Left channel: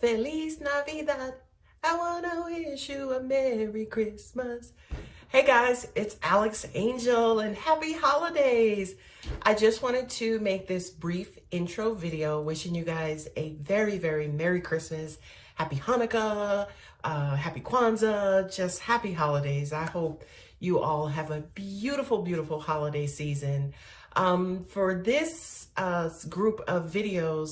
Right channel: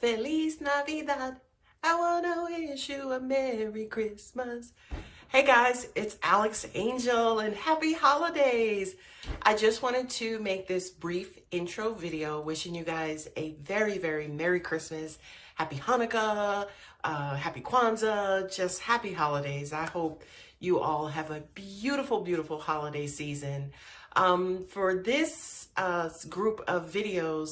Feliz Navidad. I want to wish you a Merry Christmas. Hey guys, it's Alex Angel and happy holidays. I just wanted to make this brief intro video wishing you guys a very, very Merry Christmas, Happy Hanukkah, Happy Kwanzaa, just happy holidays. I hope you all have a beautiful, beautiful holiday season. For this group of videos,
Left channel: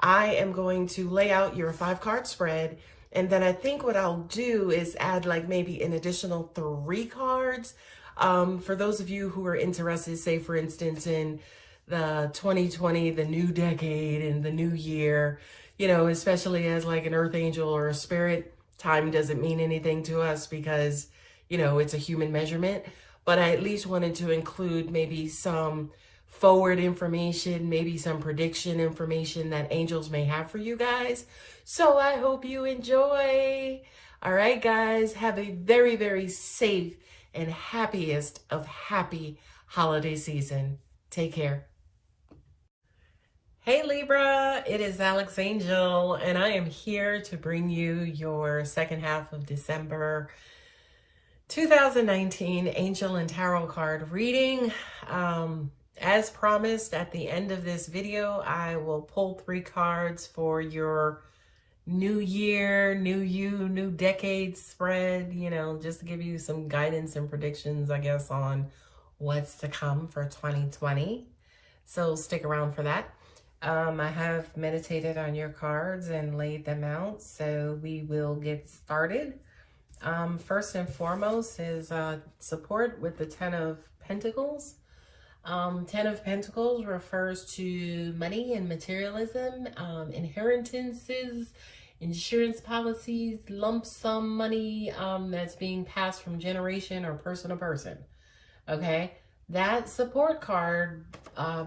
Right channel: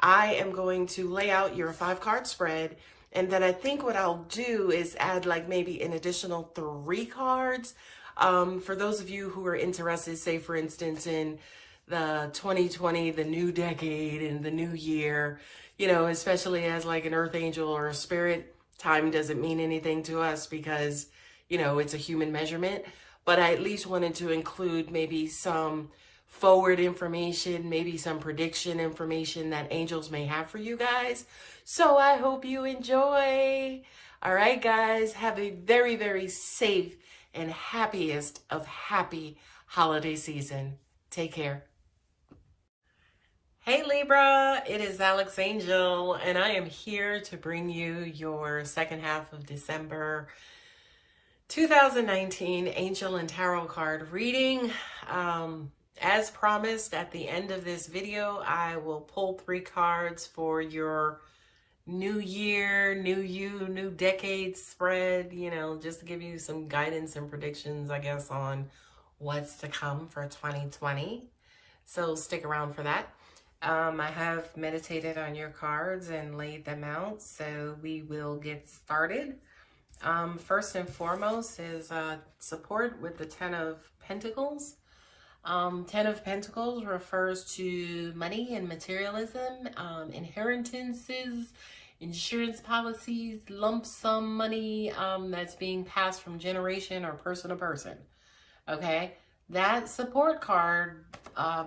I am going to lay out your 5-card spread, and then I think what I'll do is add like maybe an additional 3 cards for those of you who are interested, say for instance in the 2020, the new decade and the new year, you know, especially as like an earth angel or a spirit. Time doesn't mean anything to us because, you know, it's a human measurement, but I at least wanted to include maybe some forward information, maybe some prediction information that angels may have for you guys. So I hope you enjoy. All right, guys, have a very, very safe and happiest of happy holiday season. Take care. Hey Libra, it is Alex Angel, and I am here to bring you your second half of December 2019 Angel and Tarot card reading. As promised, at the end of this video, I will pull 3 cards for your new year, new you, new decade spread, you know, just to give you some guidance and predictions, I guess, on what's to come for 2020. So stick around for that. I have meditated on your cards and laid them out, so we will get started. First and foremost is support with the 10 of Pentacles. 10 of Pentacles refers to money and materialism, inheritances, insurance policies, lump sum money that's being passed from generation or person to person. Okay, that support card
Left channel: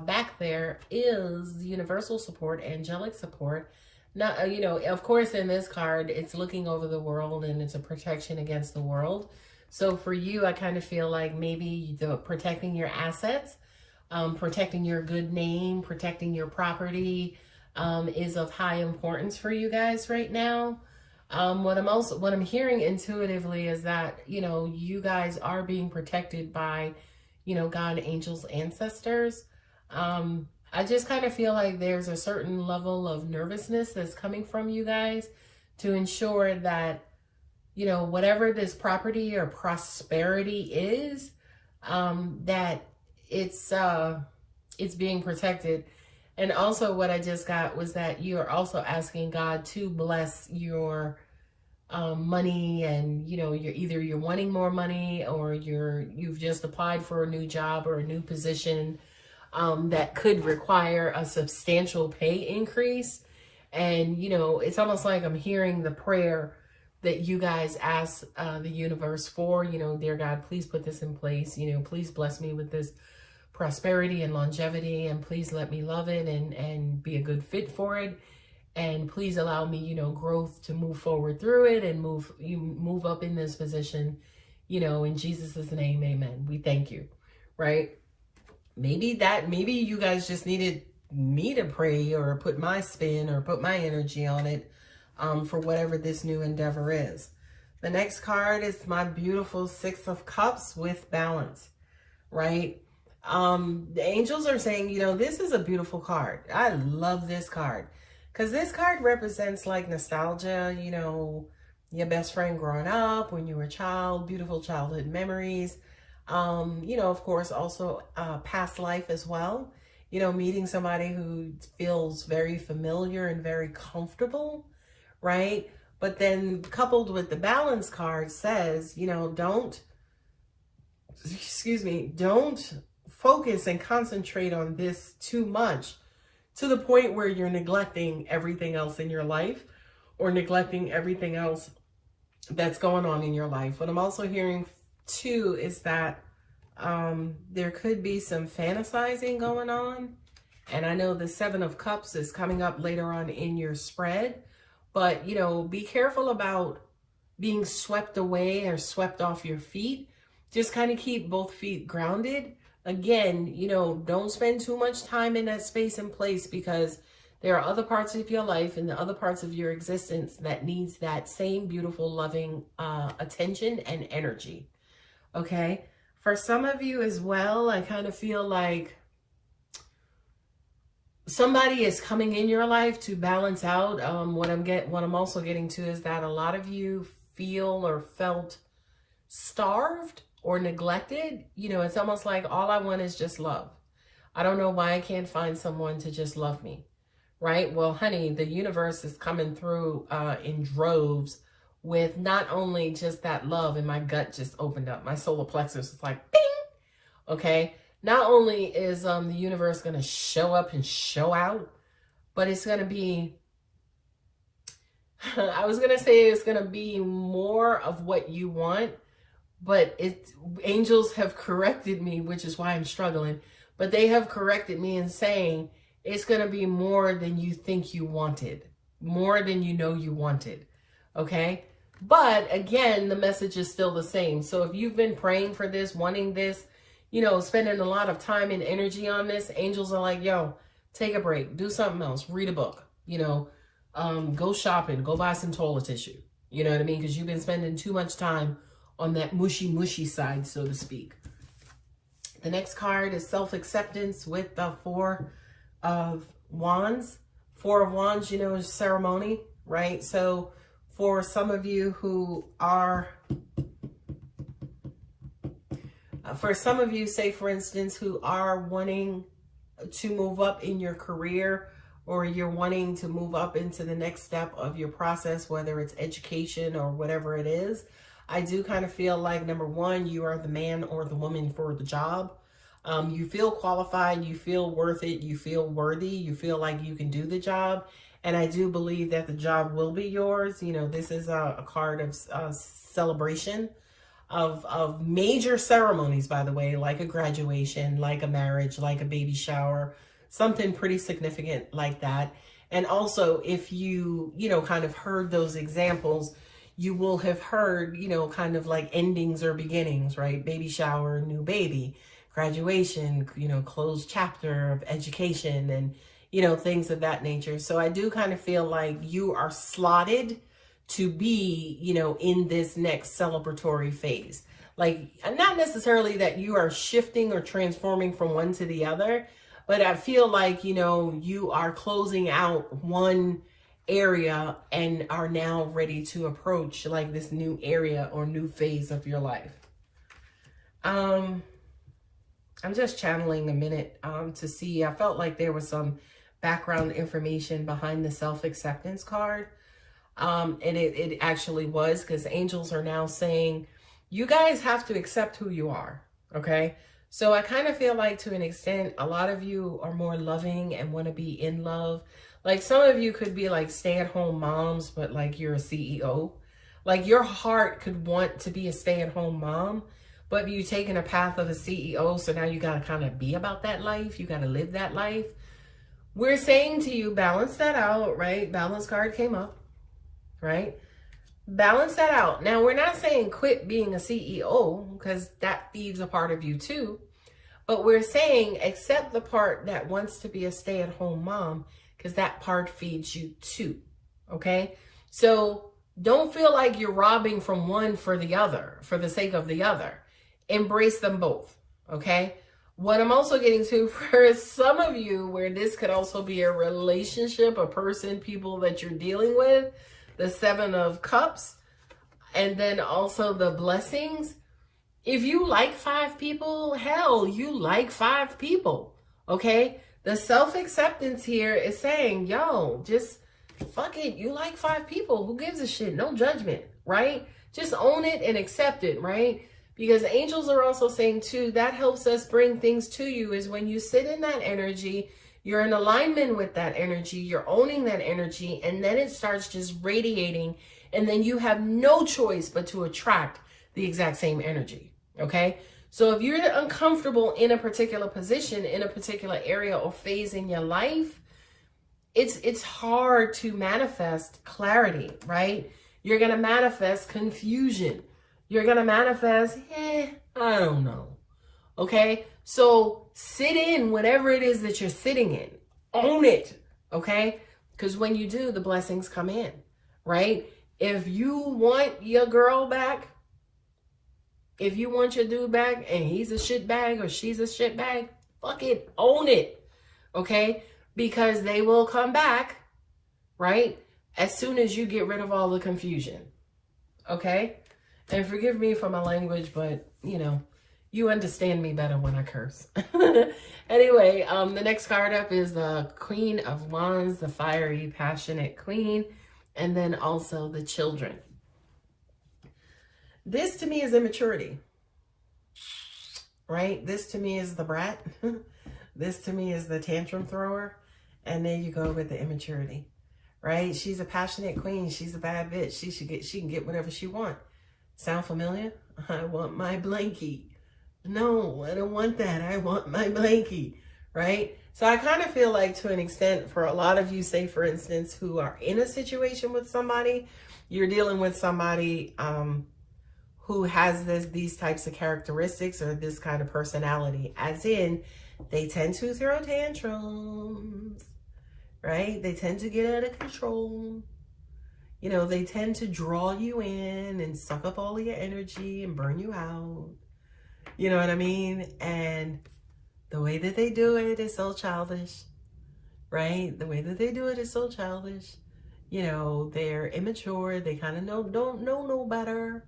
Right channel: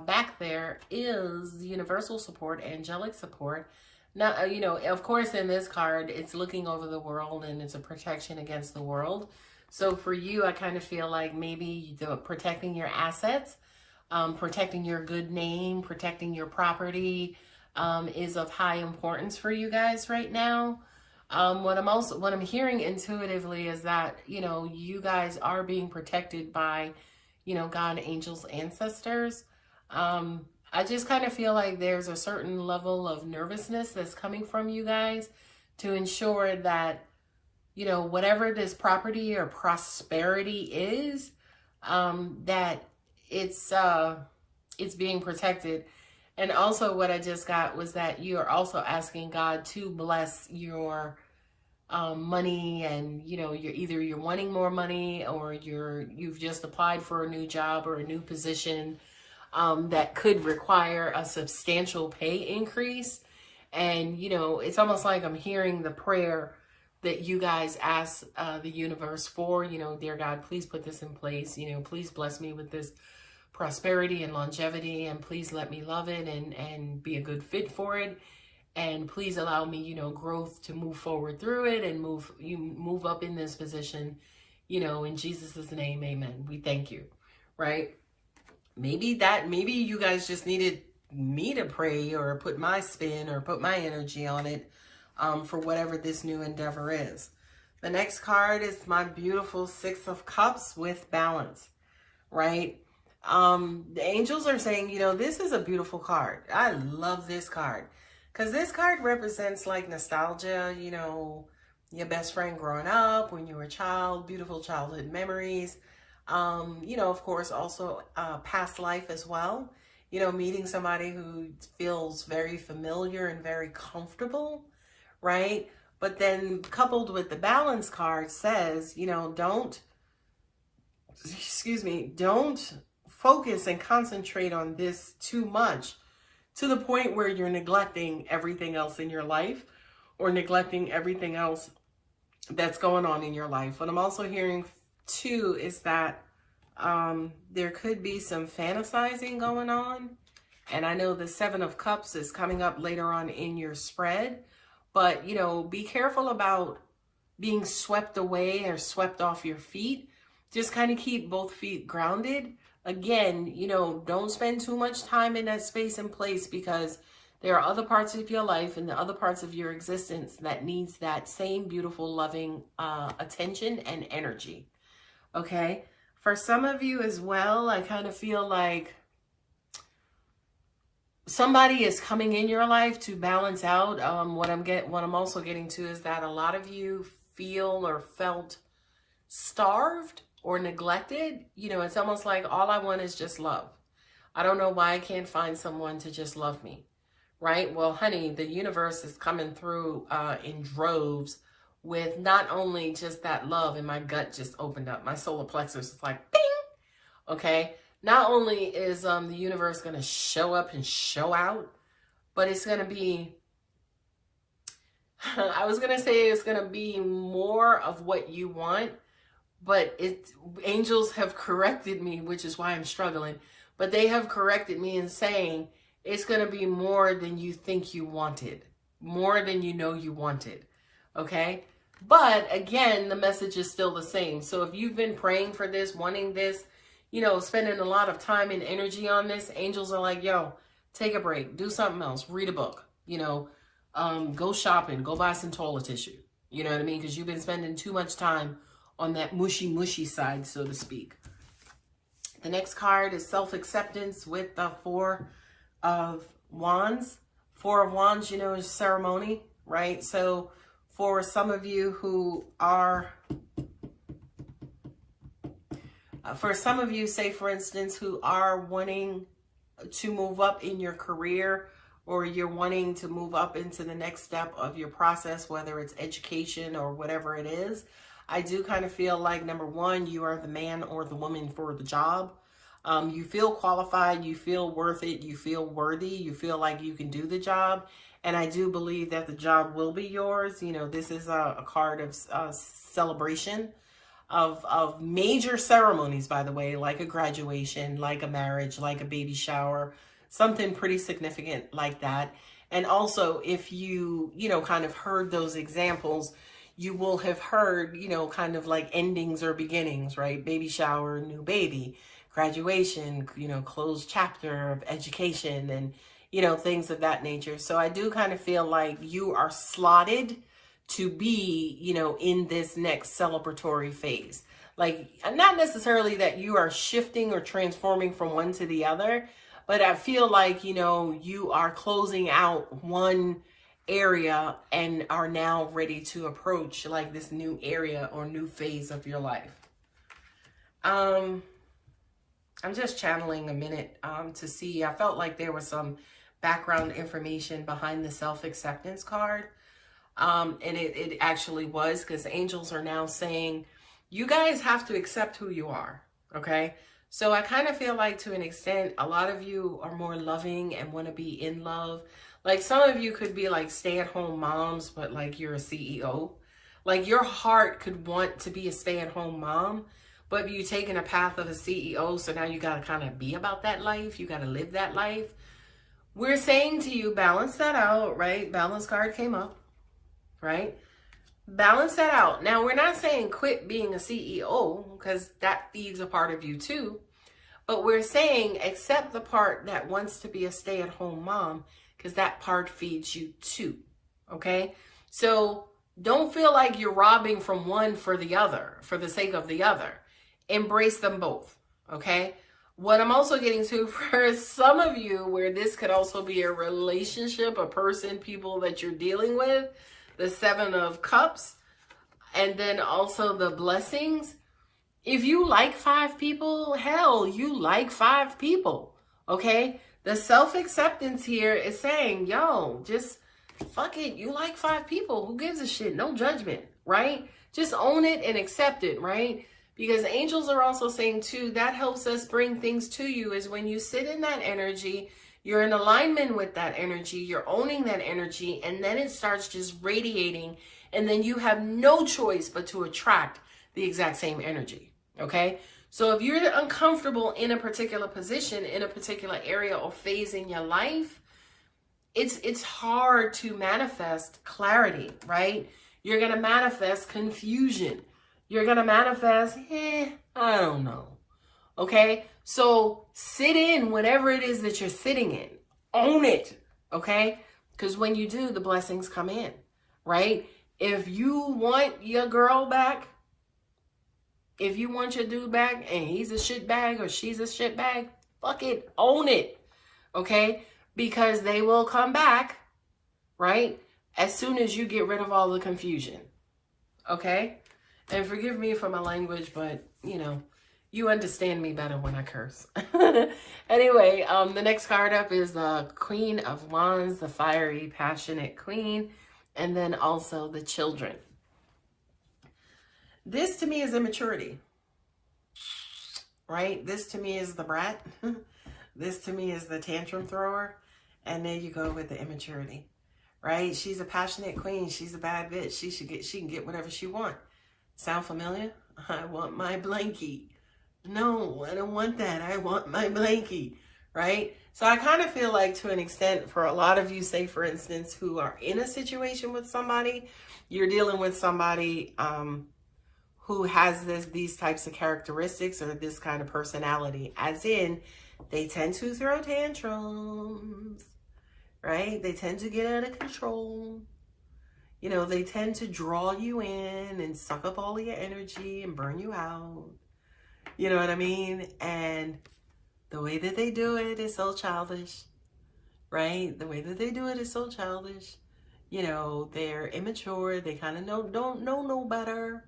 back there is universal support, angelic support. Not, you know, of course, in this card, it's looking over the world and it's a protection against the world. So for you, I kind of feel like maybe the protecting your assets, protecting your good name, protecting your property is of high importance for you guys right now. What I'm hearing intuitively is that, you know, you guys are being protected by, you know, God, angels, ancestors. I just kind of feel like there's a certain level of nervousness that's coming from you guys to ensure that, you know, whatever this property or prosperity is, that it's being protected. And also what I just got was that you are also asking God to bless your money, and you know, you're wanting more money, or you've just applied for a new job or a new position that could require a substantial pay increase. And you know, it's almost like I'm hearing the prayer that you guys ask the universe for, you know, dear God, please put this in place, you know, please bless me with this prosperity and longevity, and please let me love it and be a good fit for it, and please allow me, you know, growth to move forward through it and move up in this position, you know, in Jesus's name, amen. We thank you, right? Maybe you guys just needed me to pray or put my spin or put my energy on it for whatever this new endeavor is. The next card is my beautiful 6 of Cups with balance, right? The angels are saying, you know, this is a beautiful card. I love this card because this card represents like nostalgia, you know, your best friend growing up when you were a child, beautiful childhood memories. You know, of course, also past life as well, you know, meeting somebody who feels very familiar and very comfortable, right? But then coupled with the balance card says, you know, don't focus and concentrate on this too much to the point where you're neglecting everything else in your life or neglecting everything else that's going on in your life. What I'm also hearing too is that there could be some fantasizing going on. And I know the 7 of Cups is coming up later on in your spread, but you know, be careful about being swept away or swept off your feet. Just kind of keep both feet grounded. Again, you know, don't spend too much time in that space and place because There are other parts of your life and the other parts of your existence that needs that same beautiful, loving attention and energy. Okay? For some of you as well, I kind of feel like somebody is coming in your life to balance out. What I'm also getting to is that a lot of you feel or felt starved or neglected. You know, it's almost like all I want is just love. I don't know why I can't find someone to just love me, right? Well, honey, the universe is coming through in droves with not only just that love, and my gut just opened up. My solar plexus is like, bing, okay? Not only is the universe going to show up and show out, but it's going to be, I was going to say it's going to be more of what you want, but angels have corrected me, which is why I'm struggling. But they have corrected me in saying it's going to be more than you think you wanted, more than you know you wanted, okay? But again, the message is still the same. So if you've been praying for this, wanting this, you know, spending a lot of time and energy on this, angels are like, yo, take a break, do something else, read a book, you know, go shopping, go buy some toilet tissue. You know what I mean? Because you've been spending too much time on that mushy side, so to speak. The next card is self-acceptance with the Four of Wands. Four of Wands, you know, is ceremony, right? So for some of you who are, for some of you, say for instance, who are wanting to move up in your career, or you're wanting to move up into the next step of your process, whether it's education or whatever it is, I do kind of feel like, number one, you are the man or the woman for the job. You feel qualified, you feel worth it, you feel worthy, you feel like you can do the job. And I do believe that the job will be yours. You know, this is a card of celebration of major ceremonies, by the way, like a graduation, like a marriage, like a baby shower, something pretty significant like that. And also, if you know, kind of heard those examples, you will have heard, you know, kind of like endings or beginnings, right? Baby shower, new baby, graduation, you know, closed chapter of education, and, you know, things of that nature. So I do kind of feel like you are slotted to be, you know, in this next celebratory phase. Like, not necessarily that you are shifting or transforming from one to the other, but I feel like, you know, you are closing out one area and are now ready to approach like this new area or new phase of your life. I'm just channeling a minute to see. I felt like there was some background information behind the self-acceptance card. And it actually was, because angels are now saying, you guys have to accept who you are. Okay. So I kind of feel like, to an extent, a lot of you are more loving and want to be in love. Like, some of you could be like stay-at-home moms, but like you're a CEO. Like, your heart could want to be a stay-at-home mom, but you're taking a path of a CEO. So now you got to kind of be about that life. You got to live that life. We're saying to you, balance that out, right? Balance card came up, right? Balance that out. Now, we're not saying quit being a CEO, because that feeds a part of you too. But we're saying accept the part that wants to be a stay-at-home mom, because that part feeds you too. Okay? So don't feel like you're robbing from one for the other, for the sake of the other. Embrace them both. Okay? What I'm also getting to, for some of you, where this could also be a relationship, a person, people that you're dealing with, the Seven of Cups, and then also the blessings. If you like 5 people, hell, you like 5 people. Okay? The self-acceptance here is saying, yo, just fuck it. You like 5 people. Who gives a shit? No judgment, right? Just own it and accept it, right? Because angels are also saying too, that helps us bring things to you, is when you sit in that energy, you're in alignment with that energy, you're owning that energy, and then it starts just radiating, and then you have no choice but to attract the exact same energy, okay? So if you're uncomfortable in a particular position, in a particular area or phase in your life, it's hard to manifest clarity, right? You're going to manifest confusion. You're going to manifest, I don't know. Okay? So sit in whatever it is that you're sitting in. Own it. okay? Because when you do, the blessings come in, right? If you want your girl back, if you want your dude back and he's a shit bag or she's a shit bag, fuck it, own it, okay? Because they will come back, right? As soon as you get rid of all the confusion, okay? And forgive me for my language, but, you know, you understand me better when I curse. Anyway, the next card up is the Queen of Wands, the fiery, passionate queen, and then also the children. This to me is immaturity, right? This to me is the brat. This to me is the tantrum thrower. And there you go with the immaturity, right? She's a passionate queen. She's a bad bitch. She can get whatever she wants. Sound familiar? I want my blankie. No, I don't want that. I want my blankie, right? So I kind of feel like, to an extent, for a lot of you, say for instance, who are in a situation with somebody, you're dealing with somebody who has these types of characteristics or this kind of personality, as in they tend to throw tantrums, right? They tend to get out of control. You know, they tend to draw you in and suck up all of your energy and burn you out. You know what I mean? And the way that they do it is so childish, right? The way that they do it is so childish. You know, they're immature. They kind of don't know no better,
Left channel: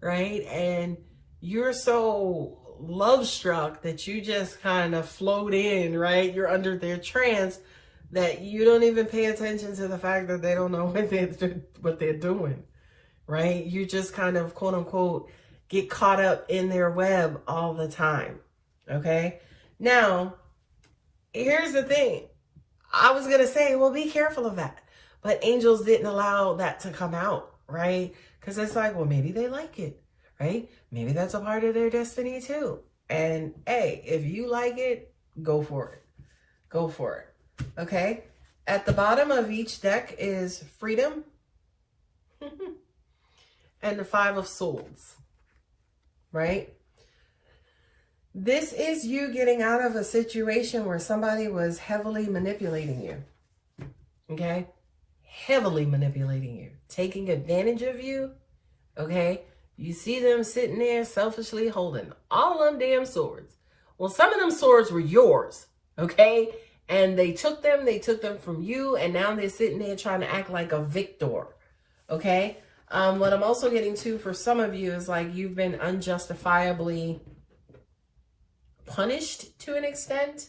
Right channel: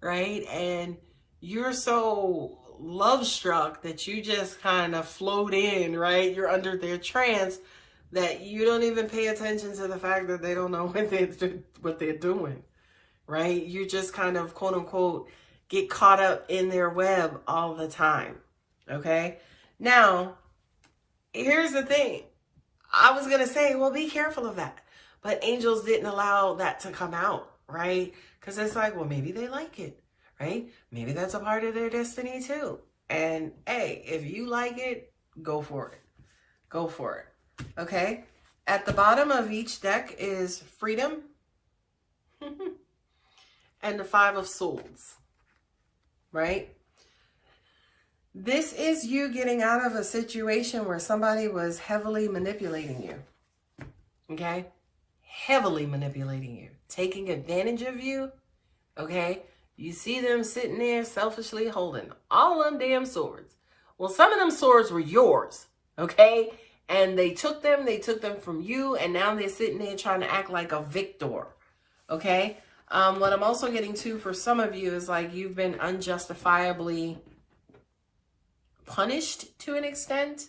right? And you're so love struck that you just kind of float in, right? You're under their trance that you don't even pay attention to the fact that they don't know what they're doing, right? You just kind of, quote unquote, get caught up in their web all the time, okay? Now, here's the thing. I was going to say, well, be careful of that. But angels didn't allow that to come out, right? Because it's like, well, maybe they like it, right? Maybe that's a part of their destiny too. And hey, if you like it, go for it. Go for it. Okay? At the bottom of each deck is freedom and the Five of Swords, right? This is you getting out of a situation where somebody was heavily manipulating you, okay? Heavily manipulating you, taking advantage of you, okay? You see them sitting there selfishly holding all them damn swords. Well, some of them swords were yours, okay? And they took them from you, and now they're sitting there trying to act like a victor, okay? What I'm also getting to for some of you is like you've been unjustifiably punished to an extent.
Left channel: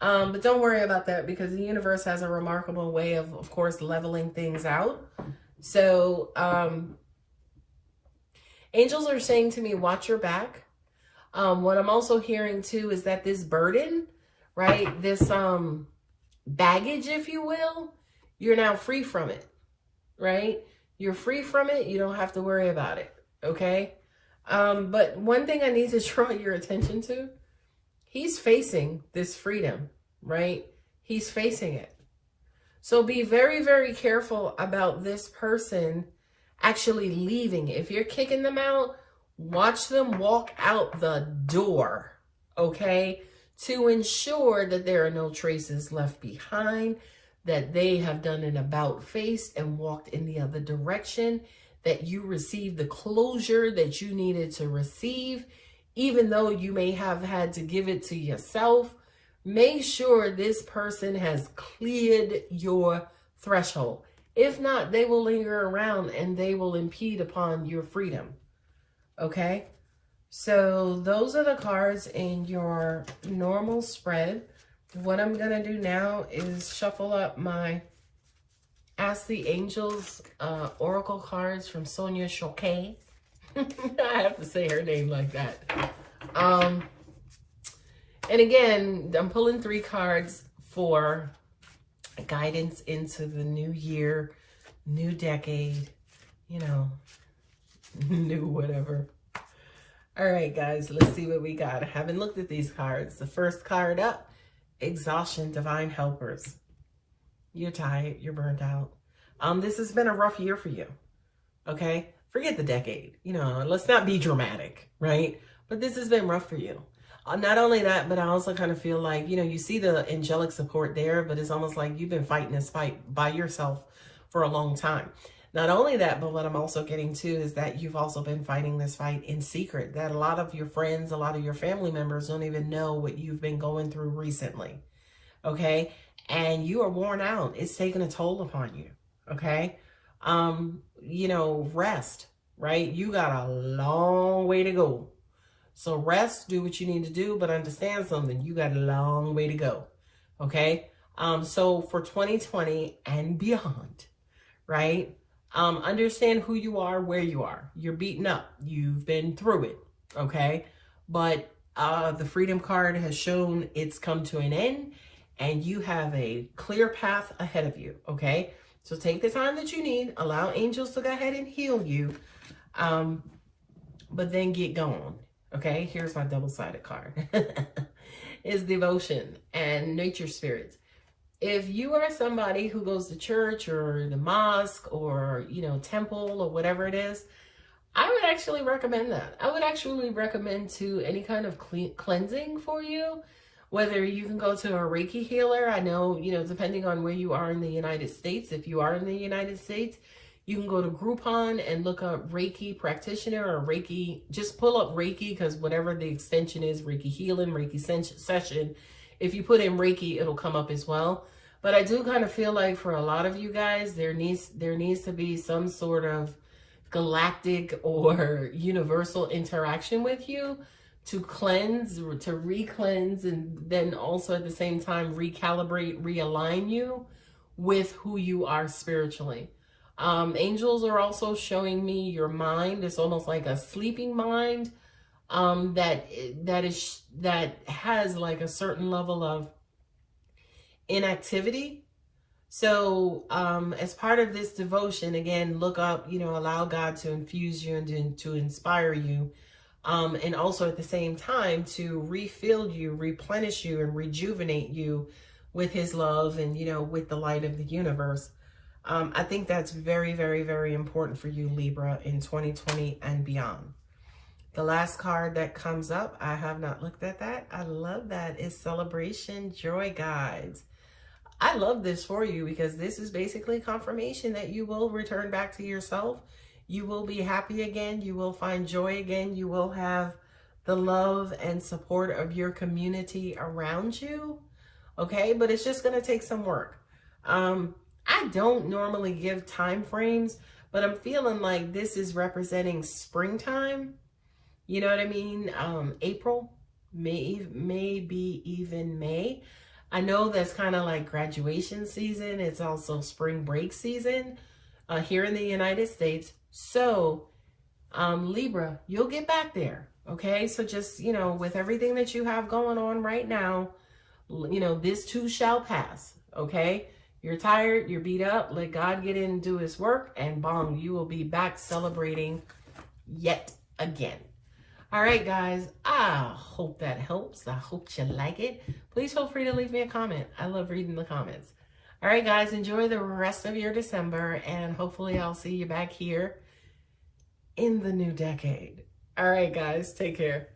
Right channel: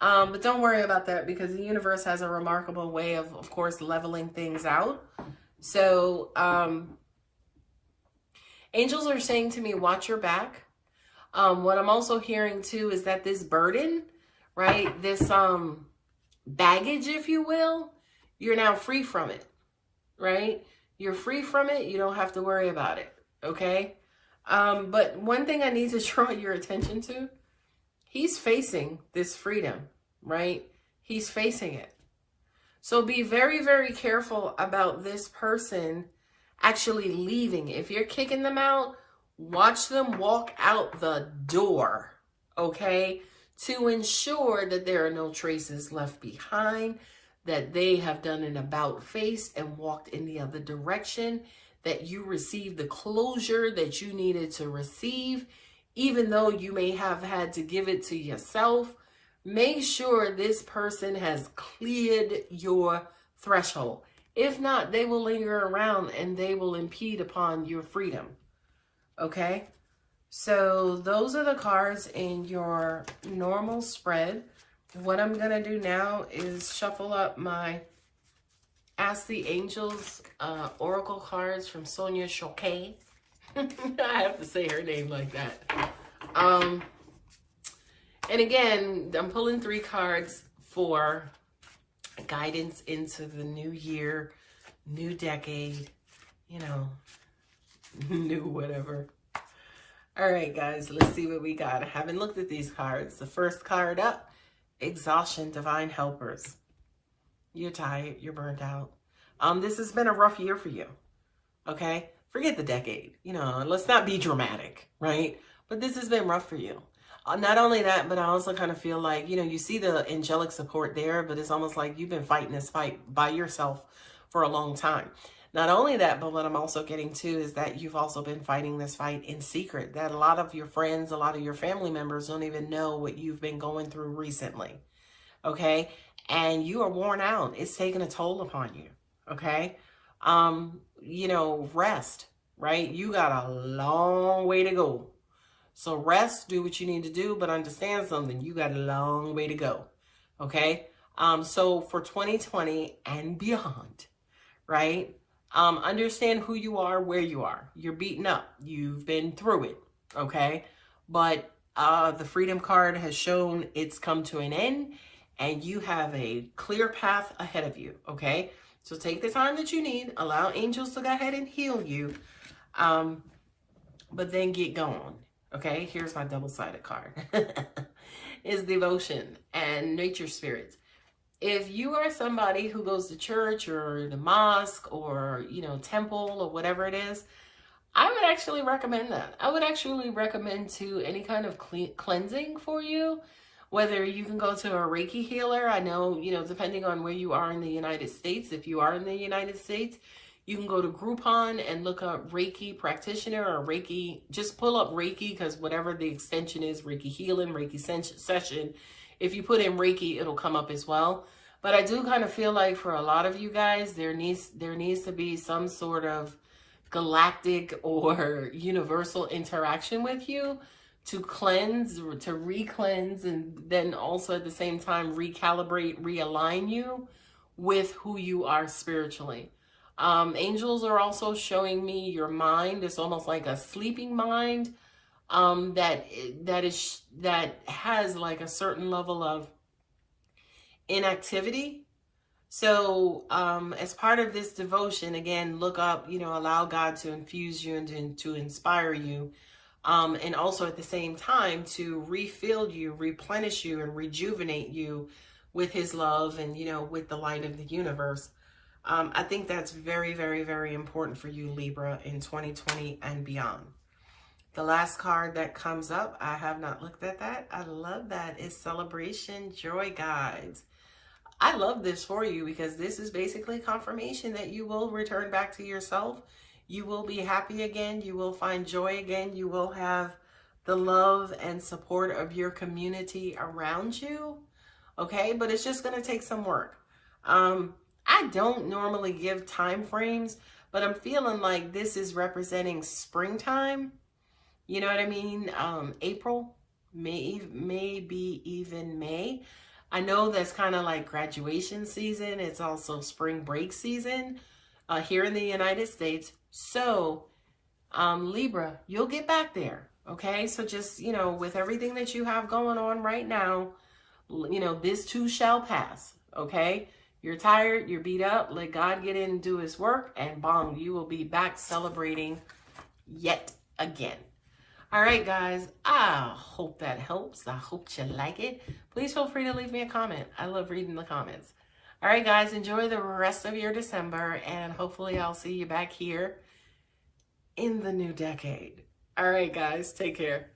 But don't worry about that, because the universe has a remarkable way of course, leveling things out. So, angels are saying to me, watch your back. What I'm also hearing too is that this burden, right, this baggage, if you will, you're now free from it, right? You're free from it. You don't have to worry about it, okay? But one thing I need to draw your attention to, he's facing this freedom, right? He's facing it. So be very, very careful about this person actually leaving. If you're kicking them out, watch them walk out the door, okay? To ensure that there are no traces left behind, that they have done an about face and walked in the other direction, that you received the closure that you needed to receive, even though you may have had to give it to yourself. Make sure this person has cleared your threshold. If not, they will linger around and they will impede upon your freedom. Okay? So those are the cards in your normal spread. What I'm going to do now is shuffle up my Ask the Angels Oracle cards from Sonia Choquet. I have to say her name like that. And again, I'm pulling 3 cards for guidance into the new year, new decade, you know, new whatever. All right, guys, let's see what we got. I haven't looked at these cards. The first card up, Exhaustion, Divine Helpers. You're tired. You're burnt out. This has been a rough year for you, okay? Forget the decade. You know, let's not be dramatic, right? But this has been rough for you. Not only that, but I also kind of feel like, you know, you see the angelic support there, but it's almost like you've been fighting this fight by yourself for a long time. Not only that, but what I'm also getting to is that you've also been fighting this fight in secret, that a lot of your friends, a lot of your family members don't even know what you've been going through recently. Okay. And you are worn out. It's taking a toll upon you. Okay. You know, rest, right? You got a long way to go. So rest, do what you need to do, but understand something. You got a long way to go. Okay. So for 2020 and beyond, right? Understand who you are, where you are. You're beaten up. You've been through it. Okay. But the Freedom card has shown it's come to an end and you have a clear path ahead of you. Okay. So take the time that you need. Allow angels to go ahead and heal you. But then get going. Okay, here's my double-sided card. Is devotion and nature spirits. If you are somebody who goes to church or the mosque or, you know, temple or whatever it is, I would actually recommend that. I would actually recommend to any kind of cleansing for you, whether you can go to a Reiki healer. I know, you know, depending on where you are in the United States, if you are in the United States, you can go to Groupon and look up Reiki practitioner or Reiki. Just pull up Reiki because whatever the extension is, Reiki healing, Reiki session. If you put in Reiki, it'll come up as well. But I do kind of feel like for a lot of you guys, there needs to be some sort of galactic or universal interaction with you to cleanse, or to re-cleanse, and then also at the same time recalibrate, realign you with who you are spiritually. Angels are also showing me your mind. It's almost like a sleeping mind that has like a certain level of inactivity. So as part of this devotion, again, look up, you know, allow God to infuse you and to inspire you. And also at the same time to refill you, replenish you, and rejuvenate you with his love and, you know, with the light of the universe. I think that's very, very, very important for you, Libra, in 2020 and beyond. The last card that comes up, I have not looked at that. I love that. Is Celebration Joy Guides. I love this for you because this is basically confirmation that you will return back to yourself. You will be happy again. You will find joy again. You will have the love and support of your community around you. Okay, but it's just going to take some work. I don't normally give time frames, but I'm feeling like this is representing springtime. You know what I mean? April, maybe even May. I know that's kind of like graduation season. It's also spring break season here in the United States. So, Libra, you'll get back there. Okay, so just, you know, with everything that you have going on right now, you know, this too shall pass. Okay. You're tired, you're beat up, let God get in and do his work, and bong, you will be back celebrating yet again. All right, guys, I hope that helps. I hope you like it. Please feel free to leave me a comment. I love reading the comments. All right, guys, enjoy the rest of your December, and hopefully I'll see you back here in the new decade. All right, guys, take care.